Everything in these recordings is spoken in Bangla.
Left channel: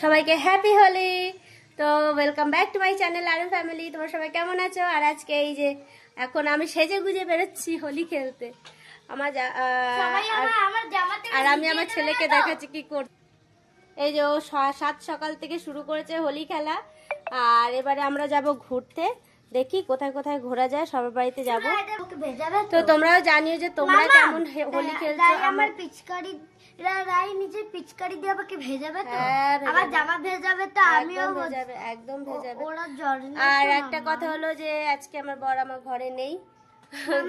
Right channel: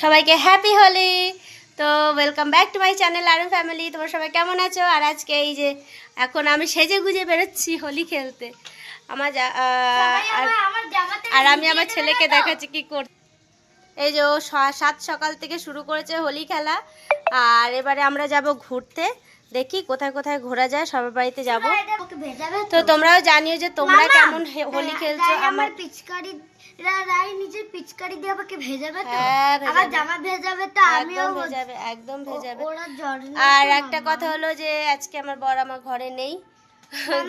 সবাইকে হ্যাপি হোলি। তো welcome back to my channel RM family. তোমরা সবাই কেমন আছো? আর আজকে এই যে এখন আমি সেজে গুজে বেরোচ্ছি হোলি খেলতে। আমার আর আমি আমার ছেলেকে দেখাচ্ছি কি করতে। এই যে ও 7 সকাল থেকে শুরু করেছে হোলি খেলা। আর এবারে আমরা যাব ঘুরতে, দেখি কোথায় কোথায় ঘোরা যায়, সবার বাড়িতে যাব। তো তোমরাও জানিও যে তোমরা কেমন হোলি খেলছো। আমার পিচকারি রাই নিচে পিচকারি দিয়ে আমাকে ভেজাবে তো, আবার জামা ভেজাবে তো, আমিও ভেজাবে, একদম ভেজাবে। আর একটা কথা হলো যে আজকে আমার বর আমার ঘরে নেই,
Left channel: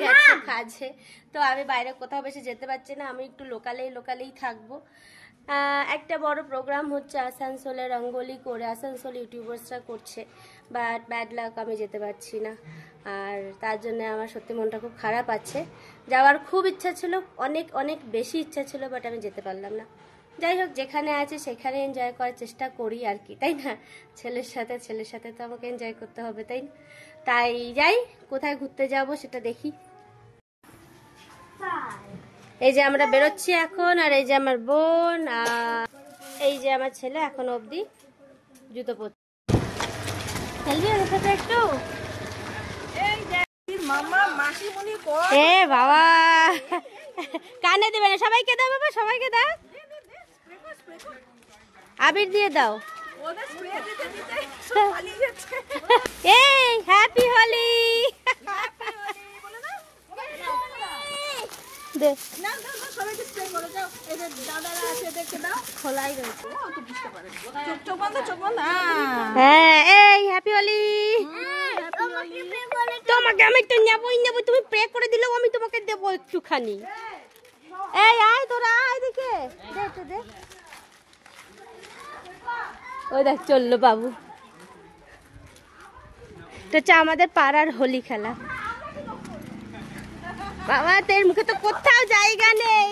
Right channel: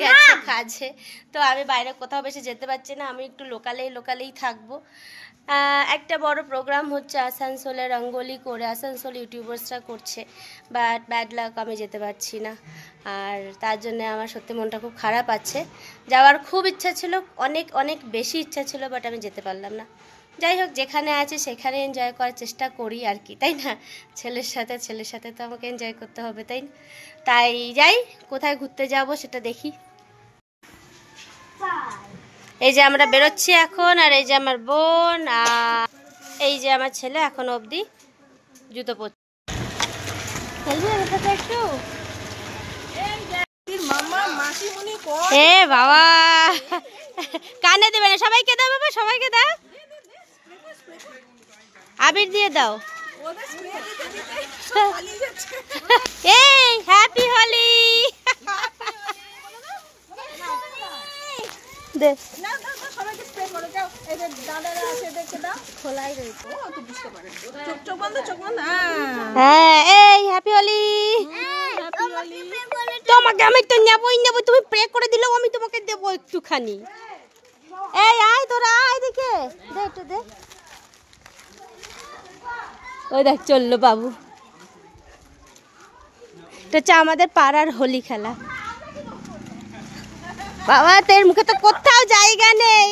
গেছে কাজে। তো আমি বাইরে কোথাও বেশি যেতে পারছি না, আমি একটু লোকালেই থাকবো। একটা বড় প্রোগ্রাম হচ্ছে আসানসোলে, রঙ্গোলি করে আসানসোল ইউটিউবার্সরা করছে, বাট ব্যাড লাক আমি যেতে পারছি না। আর তার জন্য আমার সত্যি মনটা খুব খারাপ আছে। যাওয়ার খুব ইচ্ছা ছিল, অনেক অনেক বেশি ইচ্ছা ছিল, বাট আমি যেতে পারলাম না। যাই হোক, যেখানে আছে সেখানে এনজয় করার চেষ্টা করি আর কি, তাই না? ছেলের সাথে তো আমাকে এনজয় করতে হবে, তাই না? তাই যাই, কোথায় ঘুরতে যাব সেটা দেখি। এই যে আমরা বেরোচ্ছি এখন, আর এই যে আমার বোন, আর এই যে আমার ছেলে এখন অবধি জুতো পরছে। খেলবি আমার সাথে একটু? এ বাবা, কানে দেবে না, সবাইকে দাও বাবা, সবাইকে দাও, আবির দিয়ে দাও। এই হ্যাপি হোলি দে। হ্যাঁ, এই হ্যাপি হোলি। তোমাকে আমি তো নেবই, তুমি প্রে করে দিলেও আমি তোমাকে দেবো একটুখানি। এই আয় তোরা, আয় দেখে দে একটু দে। ওই দেখ চললো বাবু। এটা হচ্ছে আমাদের পাড়ার হোলি খেলা। বাবা তোর মুখে তো কোথাও জায়গা নেই।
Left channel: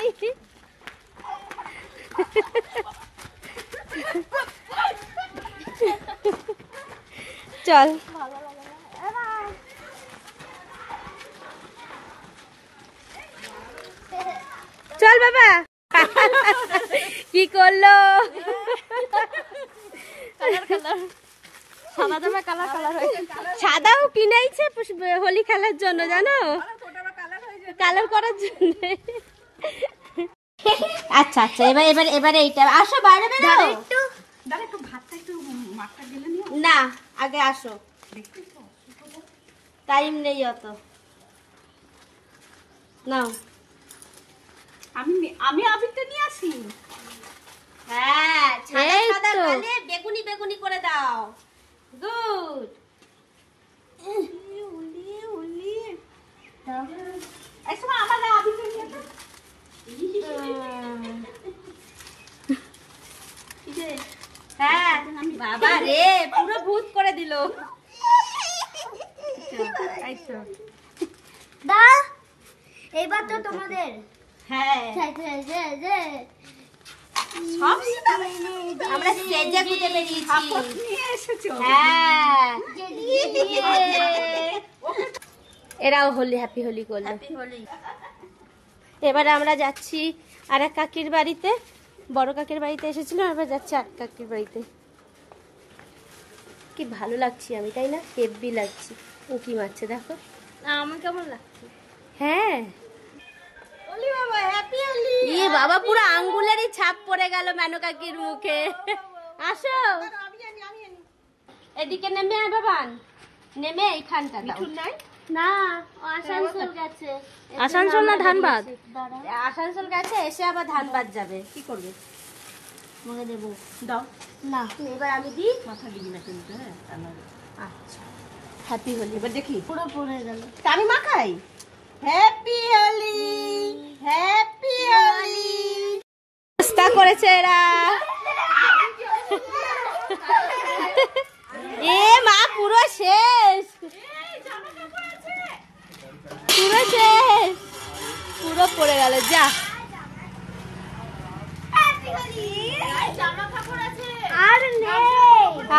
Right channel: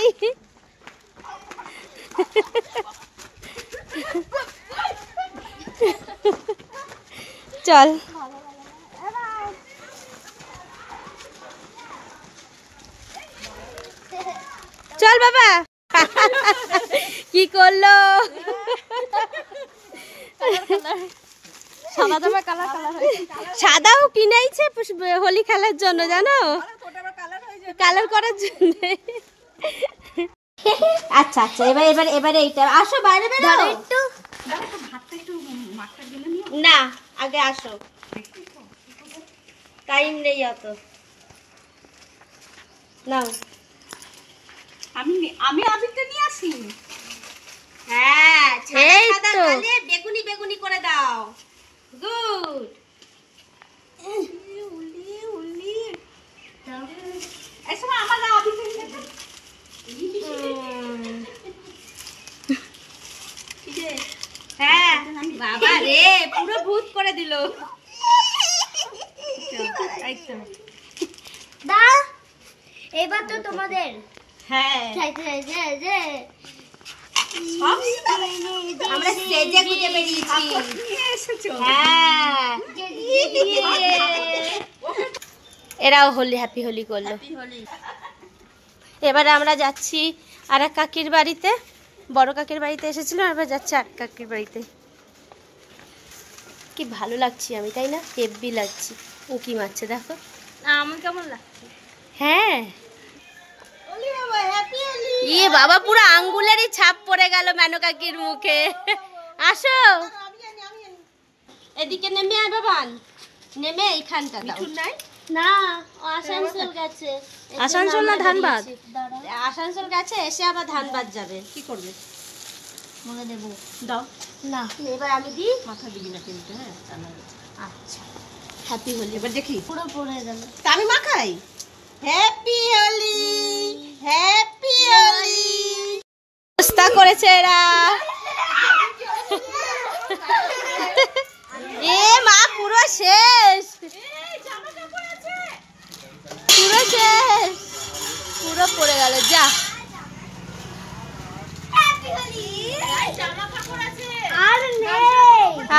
চল চল বাবা। কি করলো? সাদাও কিনেছে হোলি খেলার জন্য, জানো, কালার করার জন্য। আচ্ছা আচ্ছা, এবারে এইটা আসো, বাইরে বেরো একটু। না আগে আসো, টাইম নেই অত। নাও, আমি আবিরটা নিয়ে আসি। হ্যাঁ, সাদা কালে বেগুনি বেগুনি করে দাও। গুড। হ্যাঁ বাবা রে, পুরো ভূত করে দিল। এইবার তো তোমাদের। হ্যাঁ, আমরা সেজে গুজে বেরিয়েছি। হ্যাঁ, এরাও হোলি হ্যাপি হোলি করলো। এবারে আমরা যাচ্ছি আর এক কাকির বাড়িতে, বড় কাকির বাড়িতে এসেছিলাম, এবার যাচ্ছি আর কাকির বাড়িতে। কি ভালো লাগছি আমি, তাই না? হেব্বি লাগছি। উঁকি মারছে দেখো। আমার কেমন লাগছে? হ্যাঁ, ইয়ে বাবা, পুরো আঙ্গুলেরই ছাপ পড়ে গেল মেনু কাকির মুখে। আসো এদিকে নেমে আয় বাবান, নেমে এইখানটা দাও। না, আসানসোল গেছে। আসানসোল না ধানবাদ? আসানসোল গেছে, এসে আবার ধানবাদ যাবে। কি করবে? মুখে দেবো। দাও না, এবার আমি দিই। মাথা দিবি না কিন্তু। হ্যাঁ, আচ্ছা, হ্যাপি হোলি। এবার দেখি পুরো পড়ে গেল। তা আমি মাখাই। Happy Holi, happy Holi. চেষ্টা করেছে এরা। এ মা, পুরো শেষ, পুরো শেষ, পুরো পড়ে গেল। যা,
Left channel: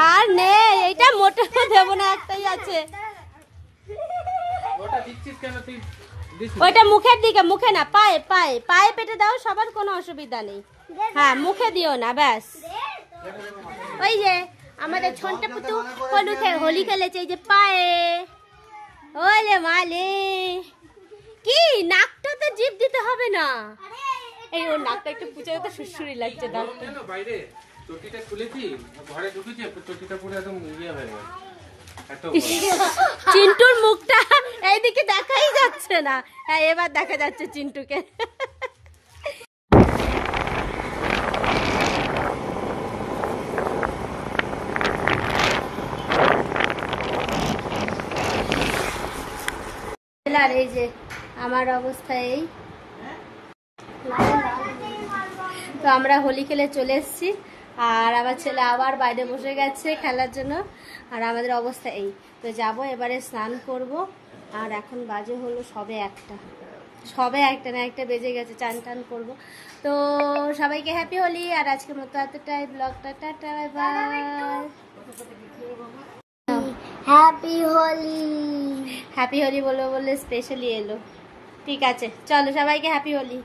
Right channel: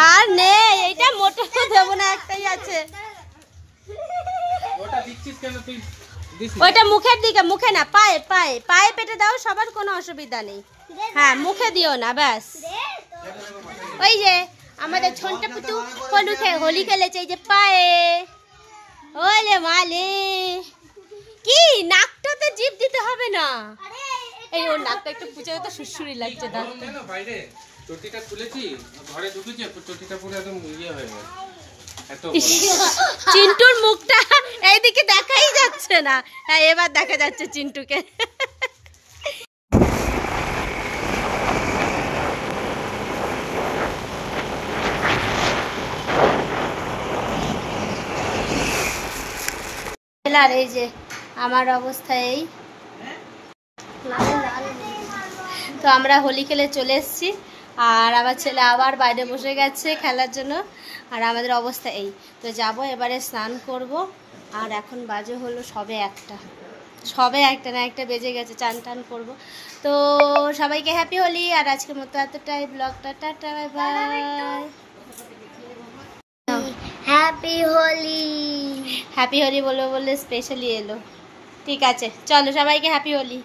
আর নেই, এইটা মোটে দেবো না, একটাই আছে। ওইটা মুখের দিকে, মুখে না, পায়ে পায়ে পায়ে পেটে দাও, সবার কোনো অসুবিধা নেই। হ্যাঁ, মুখে দিও না, ব্যাস। ওই যে আমাদের ছোট্ট পুতু হোলি খেলেছে এই যে পায়ে। ওলে মালে কি নাকটাতে জিভ দিতে হবে না। এই ওর নাকটা একটু পুচে তো সুরসুরি লাগছে নাকটা। বাইরে চটিটা খুলেছি ঘরে ঢুকেছি চটিটা পুরো একদম ইয়ে হয়ে গেল। চিন্টুর মুখটা এইদিকে দেখাই যাচ্ছে না। হ্যাঁ এবার দেখা যাচ্ছে চিন্টুকে। আর এই যে আমার অবস্থা এই। তো আমরা হোলি খেলে চলে এসেছি আর আমার ছেলে আবার বাইরে বসে গেছে খেলার জন্য। আর আমাদের অবস্থা এই। তো যাব এবারে স্নান করব। আর এখন বাজে হলো সবে একটা না একটা বেজে গেছে, চান টান করবো। তো সবাইকে হ্যাপি হোলি। আর আজকের মতো এতটাই, ব্লগটা tata bye bye. Happy Holi. Happy Holi বলবো বলে স্পেশালি এলো। ঠিক আছে চলো সবাইকে হ্যাপি হোলি।